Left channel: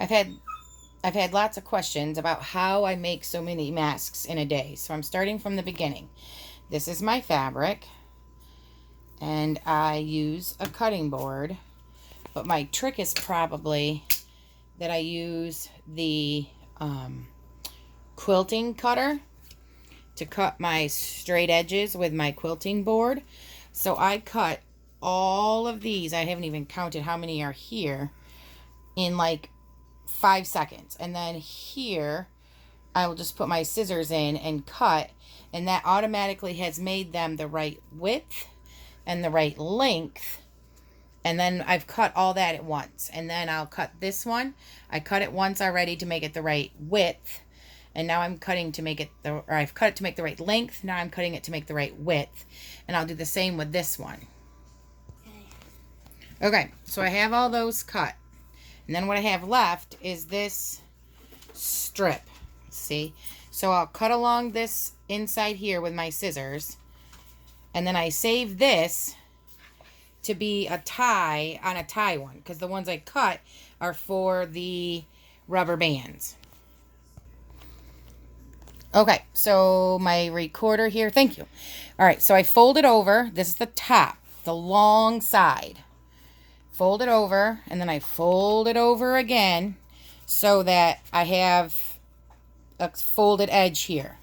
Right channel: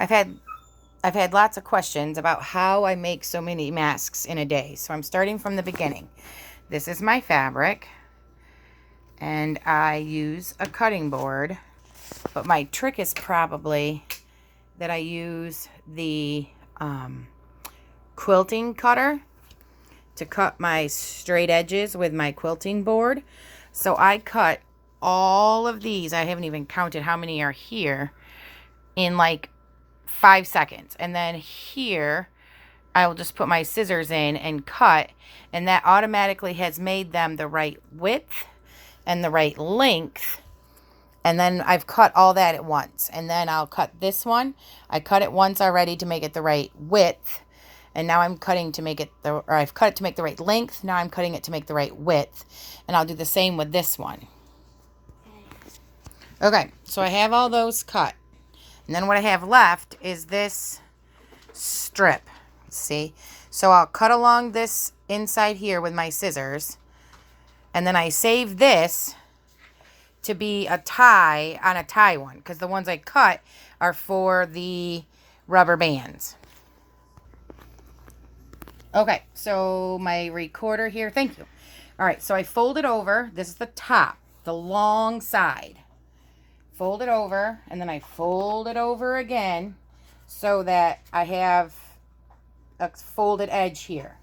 I've had lots of questions about how I make so many masks in a day. So I'm starting from the beginning. This is my fabric, and I use a cutting board, but my trick is probably that I use the quilting cutter to cut my straight edges with my quilting board. So I cut all of these, I haven't even counted how many are here, in like 5 seconds. And then here I will just put my scissors in and cut, and that automatically has made them the right width and the right length. And then I've cut all that at once. And then I'll cut this one. I cut it once already to make it the right width. And now I'm cutting to make it I've cut it to make the right length. Now I'm cutting it to make the right width. And I'll do the same with this one. Okay, so I have all those cut. And then what I have left is this strip. See? So I'll cut along this inside here with my scissors. And then I save this to be a tie on a tie one, because the ones I cut are for the rubber bands. Okay, so my recorder here, thank you. All right, so I fold it over. This is the top, the long side. Fold it over, and then I fold it over again so that I have a folded edge here.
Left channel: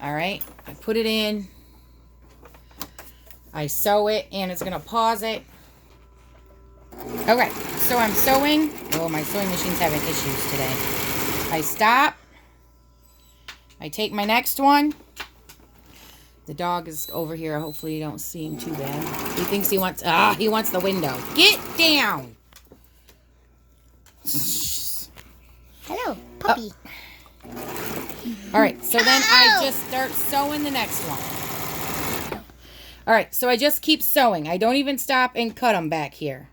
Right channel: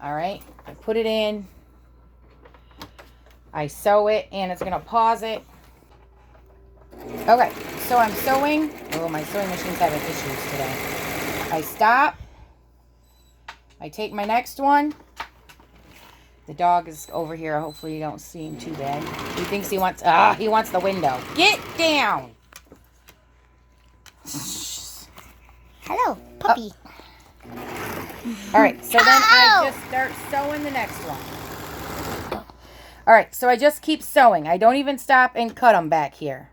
All right, I put it in. I sew it, and it's going to pause it. Okay, so I'm sewing. Oh, my sewing machine's having issues today. I stop. I take my next one. The dog is over here. Hopefully you don't see him too bad. He thinks he wants the window. Get down. Hello, puppy. All right, so then I just start sewing the next one. All right, so I just keep sewing. I don't even stop and cut them back here.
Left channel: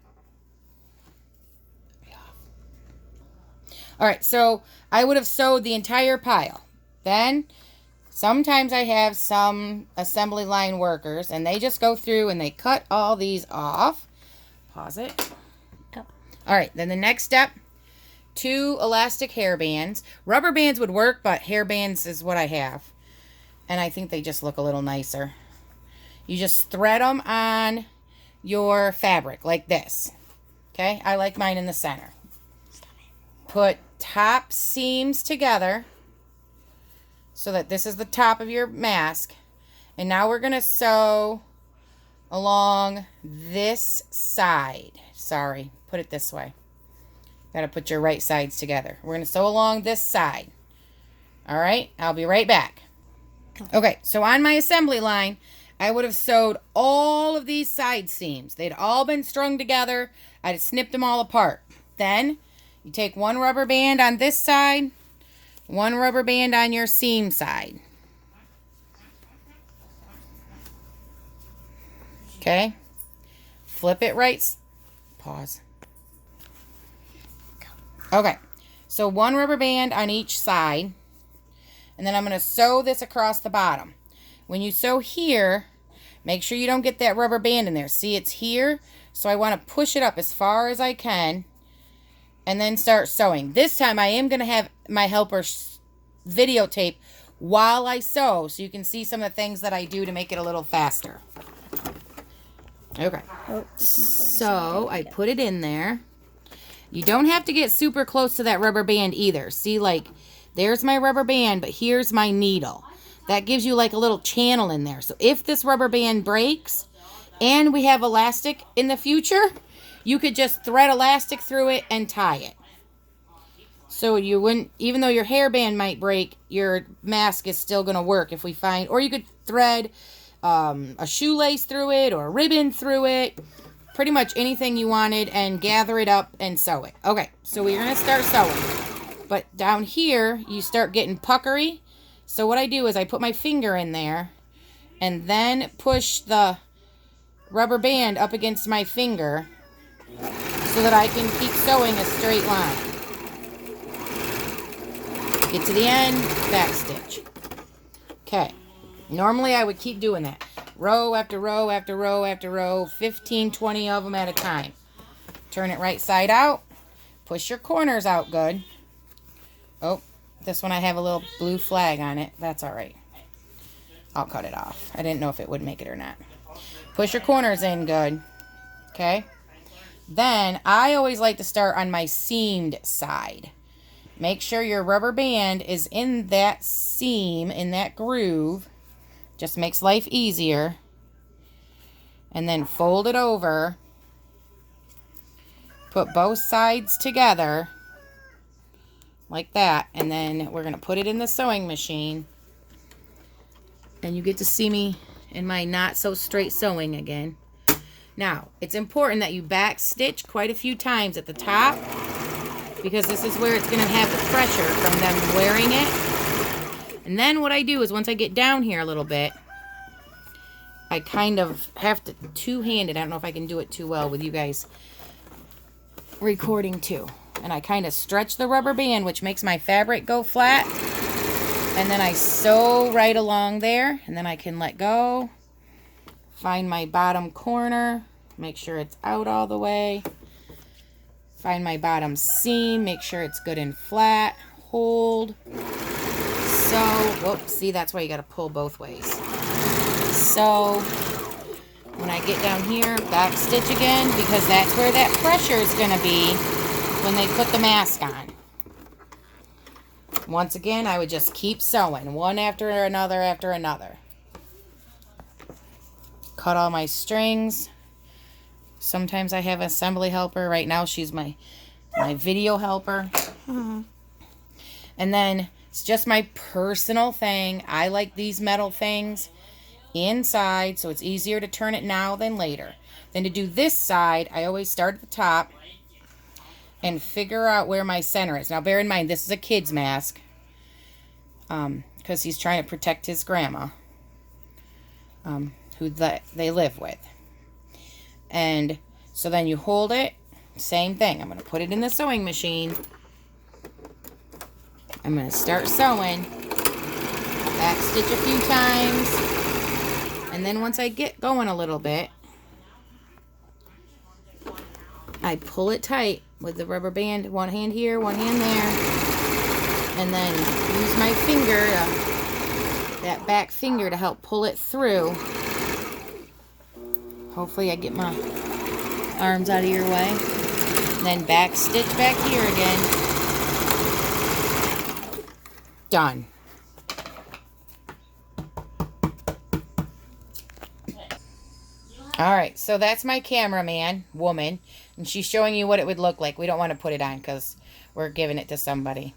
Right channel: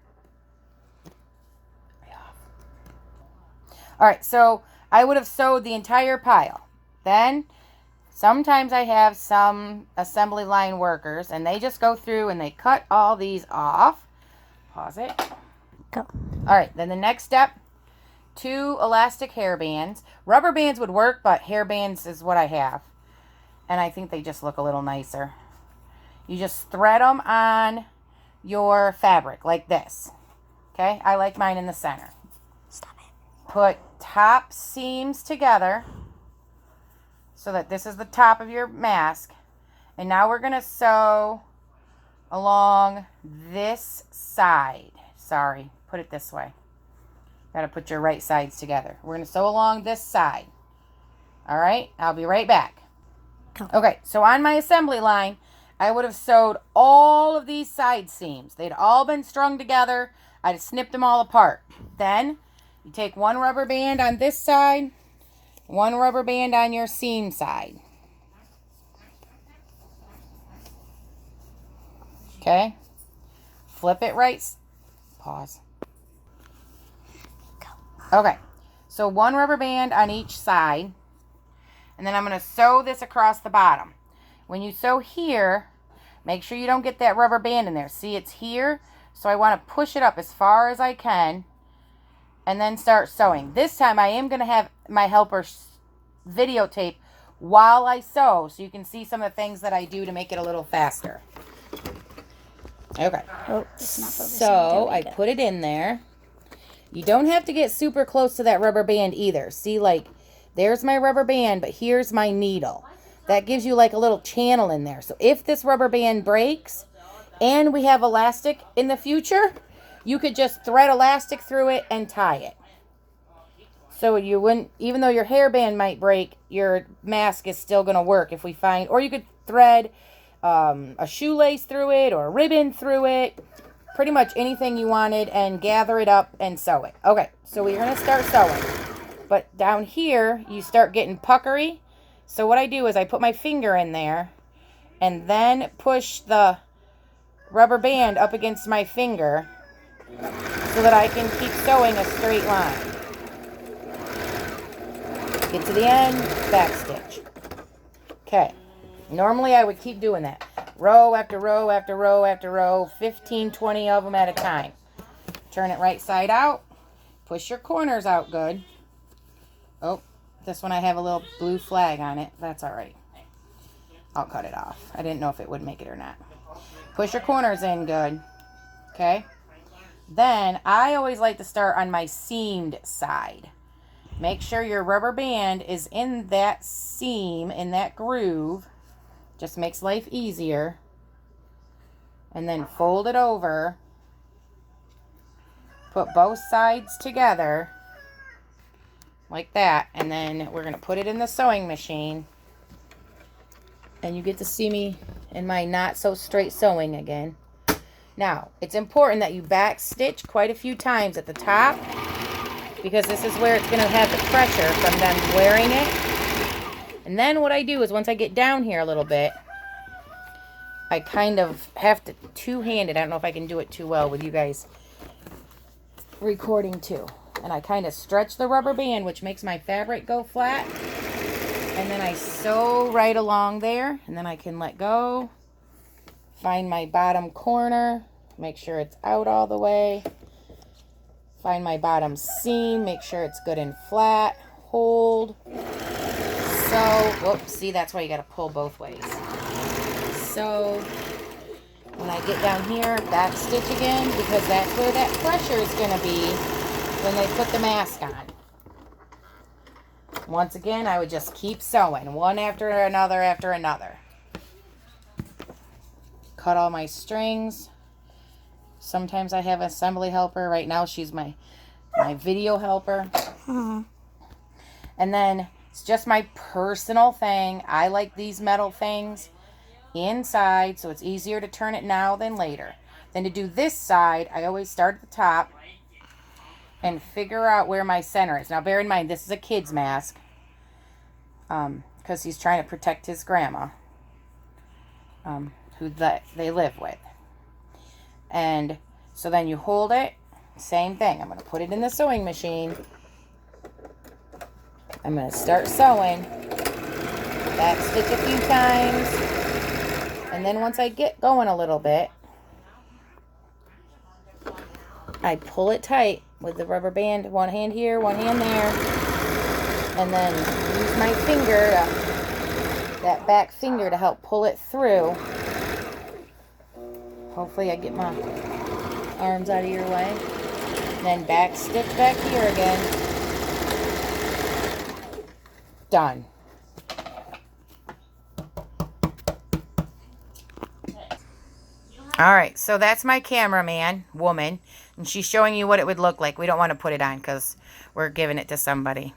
All right, so I would have sewed the entire pile. Then sometimes I have some assembly line workers, and they just go through and they cut all these off. Pause it. Go. All right, then the next step, 2 elastic hair bands. Rubber bands would work, but hair bands is what I have. And I think they just look a little nicer. You just thread them on your fabric like this. Okay, I like mine in the center. Stop it. Put top seams together so that this is the top of your mask. And now we're going to sew along this side. Sorry, put it this way. Got to put your right sides together. We're going to sew along this side. All right, I'll be right back. Go. Okay, so on my assembly line, I would have sewed all of these side seams. They'd all been strung together. I'd snipped them all apart. Then you take one rubber band on this side, one rubber band on your seam side. Okay. Flip it right. Pause. Okay. So one rubber band on each side. And then I'm going to sew this across the bottom. When you sew here, make sure you don't get that rubber band in there. See, it's here. So I want to push it up as far as I can. And then start sewing. This time I am going to have my helper videotape while I sew, so you can see some of the things that I do to make it a little faster. Okay. Oh, it's not focusing. So I put it in there. You don't have to get super close to that rubber band either. See, like, there's my rubber band, but here's my needle. That gives you like a little channel in there. So if this rubber band breaks and we have elastic in the future, you could just thread elastic through it and tie it. So you wouldn't, even though your hairband might break, your mask is still going to work if we find, or you could thread a shoelace through it or a ribbon through it. Pretty much anything you wanted, and gather it up and sew it. Okay, so we're going to start sewing. But down here, you start getting puckery. So what I do is I put my finger in there and then push the rubber band up against my finger so that I can keep sewing a straight line. Get to the end, back stitch. Okay, normally I would keep doing that. Row after row after row after row, 15, 20 of them at a time. Turn it right side out, Push your corners out good. Oh, this one I have a little blue flag on it. That's all right. I'll cut it off. I didn't know if it would make it or not. Push your corners in good. Okay. Then I always like to start on my seamed side. Make sure your rubber band is in that seam, in that groove. Just makes life easier. And then fold it over. Put both sides together. Like that. And then we're going to put it in the sewing machine. And you get to see me in my not so straight sewing again. Now, it's important that you back stitch quite a few times at the top, because this is where it's going to have the pressure from them wearing it. And then what I do is once I get down here a little bit, I kind of have to two-handed. I don't know if I can do it too well with you guys recording too. And I kind of stretch the rubber band, which makes my fabric go flat. And then I sew right along there, and then I can let go. Find my bottom corner, make sure it's out all the way. Find my bottom seam, make sure it's good and flat. Hold. Sew. Whoops, see, that's why you got to pull both ways. So when I get down here, back stitch again, because that's where that pressure is going to be when they put the mask on. Once again, I would just keep sewing, one after another after another. Cut all my strings. Sometimes I have an assembly helper. Right now she's my video helper. And then it's just my personal thing. I like these metal things inside, so it's easier to turn it now than later. Then to do this side, I always start at the top and figure out where my center is. Now bear in mind, this is a kid's mask, because he's trying to protect his grandma, who they live with. And so then you hold it, same thing. I'm going to put it in the sewing machine. I'm going to start sewing, back stitch a few times, and then once I get going a little bit, I pull it tight with the rubber band, one hand here, one hand there, and then use my finger, that back finger, to help pull it through. Hopefully I get my arms out of your way. And then back stitch back here again. Done. Alright, so that's my cameraman, woman, and she's showing you what it would look like. We don't want to put it on because we're giving it to somebody.